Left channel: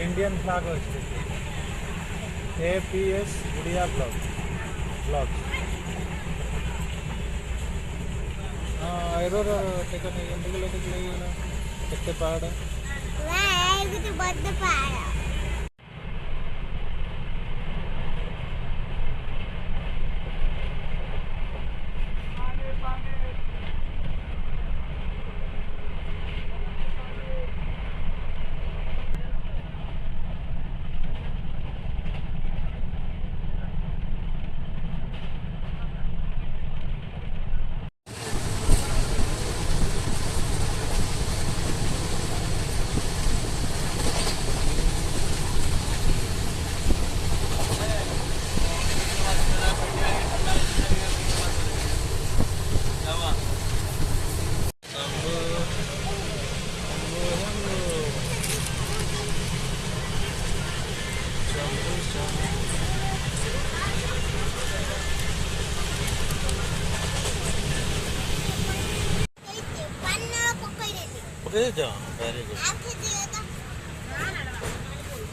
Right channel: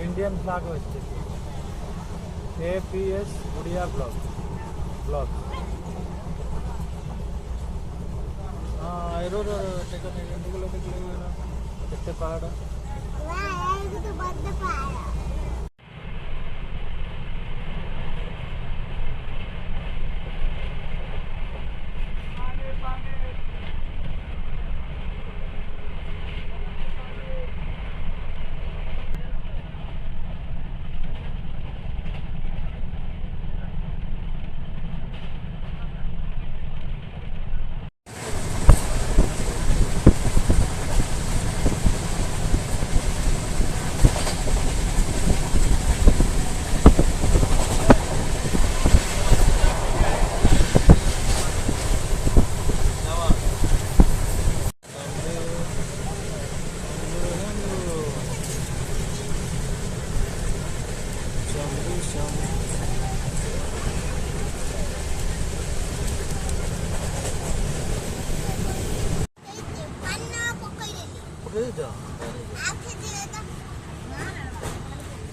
Indian flag अच्छे APS गुड़िया blog हाँ एरो टेकन केते पहाड़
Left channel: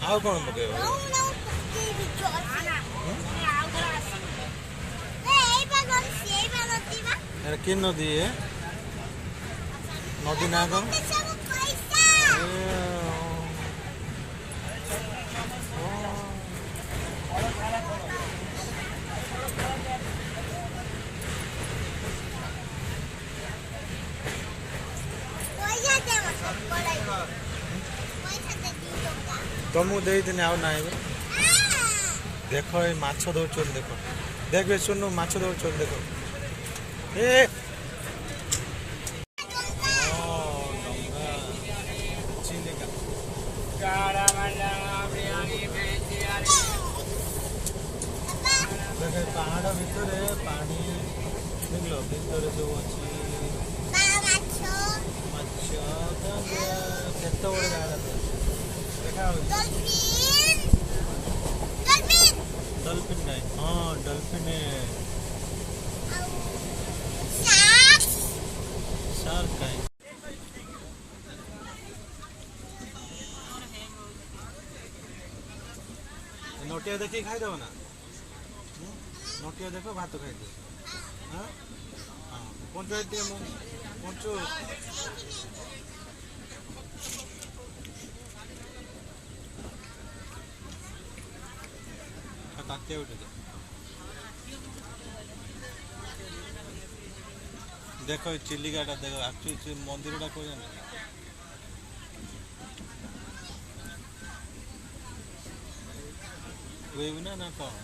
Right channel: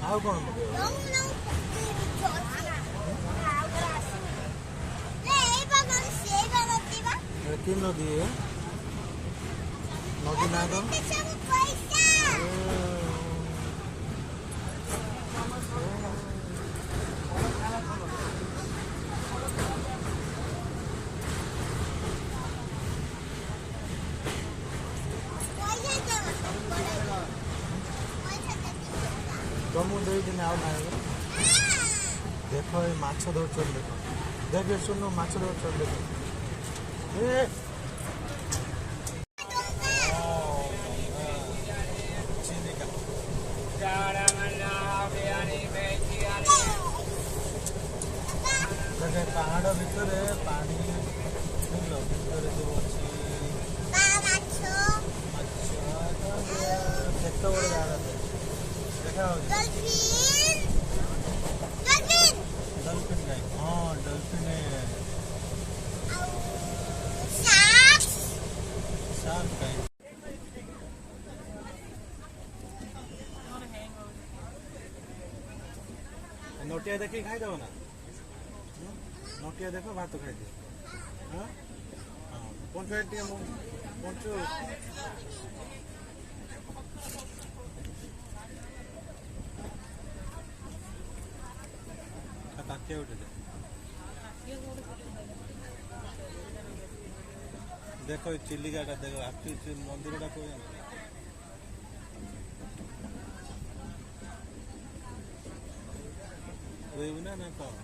ଆଉ କଣ ପକେଇବ କି ନଦୀ ନଦୀ ନା କଣ तुमको दे दिन आउ ना देख ये माछ दौर देख देख सुनु माछ दौर देखो ए पहाड़ भितर पानी देख लो भितर सब अच्छी केत बड़े जाड़ा देखा डल्फिन गाय हाँ डल्फिन शार्क गाय नोटिया देखी खाई दब ना नोटिया देख भात खाई दियो हाँ हाँ पंचु पंचु ताके उठे देखो चिलिकाटा देखो एक्चुअली मंदिर कोई ना ना कौन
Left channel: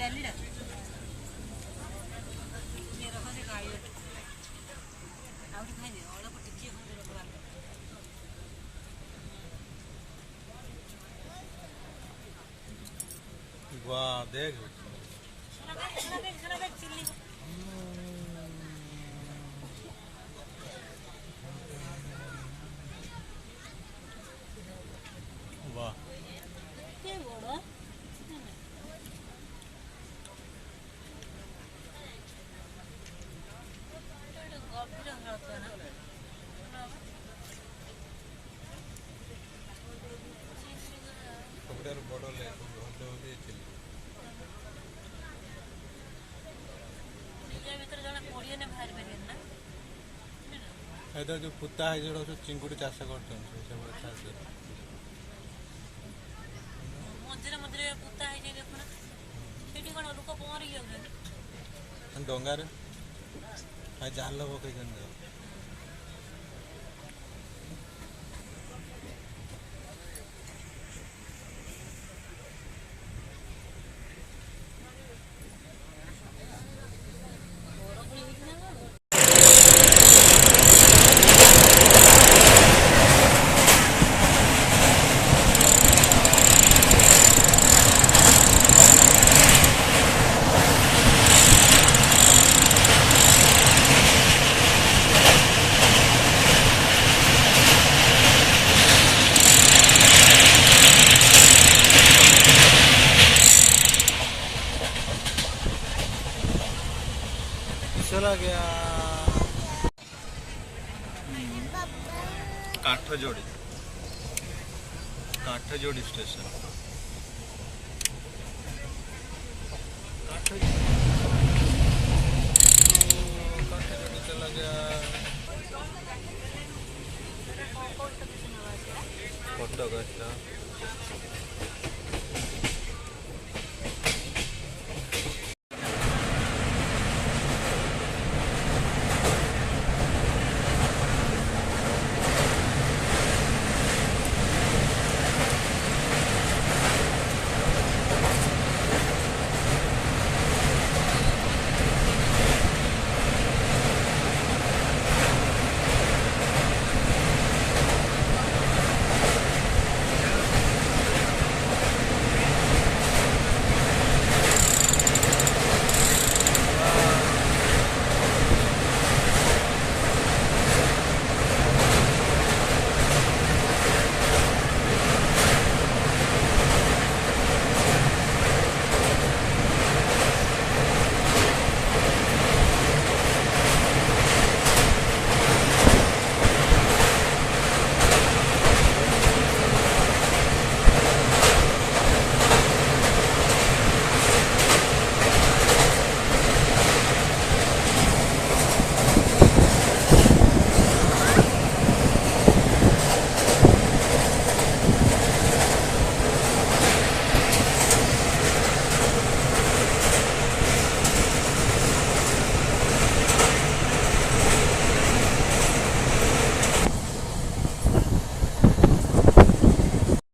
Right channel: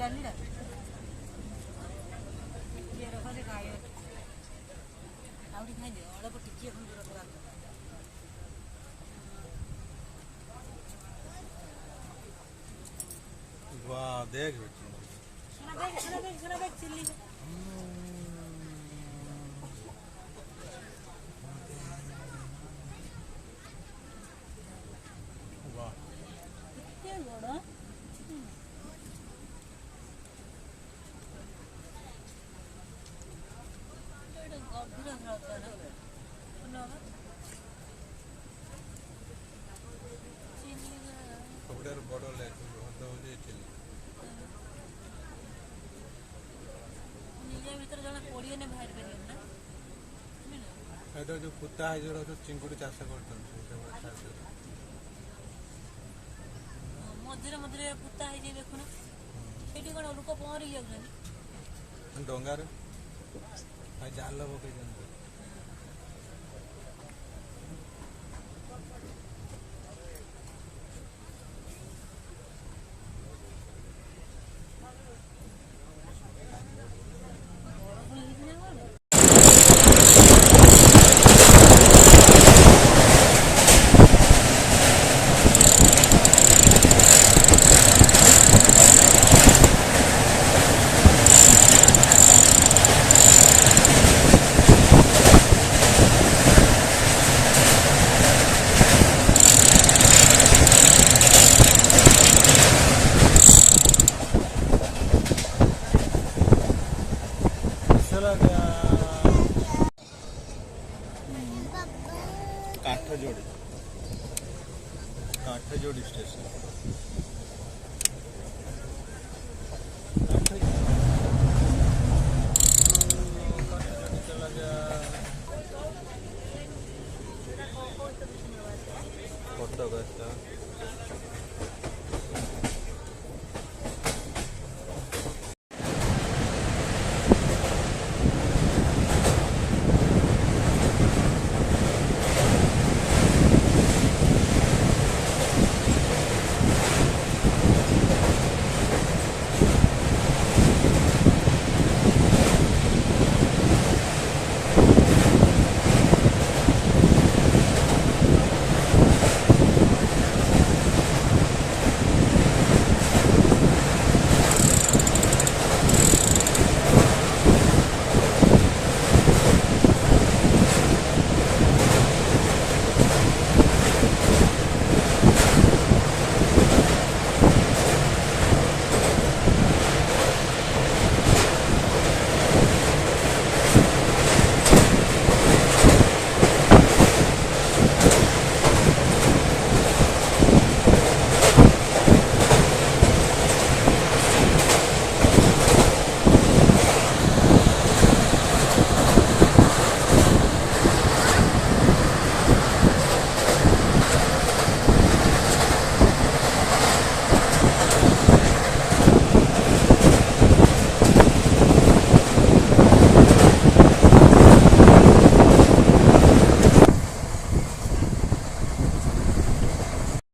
डाली वाह देख वाह ସବୁଠାରୁ ବଡ଼ ଲେକ୍ ହ୍ରଦ ହେଉଛି ଚିଲି ଏଇଟା ଯେଉଁ ପୁତା ହେଇଛି ଯୋଉଟା ସବୁ ଚିଙ୍ଗୁଡ଼ି ଚାଷ କରୁଛନ୍ତି ମଝିରେ ମଝିରେ ପୁତା ହେଇଯାଇ ଦେଖୁନା ସେଠି କଣ ଲୋକ ପହଁରିକି ଯାଉଛନ୍ତି ଡଙ୍ଗାରେ ଜାଲ ପକେଇଛନ୍ତି चला गया काठजोड़ी स्टेशन काठजोड़ी चला गया कटक अच्छा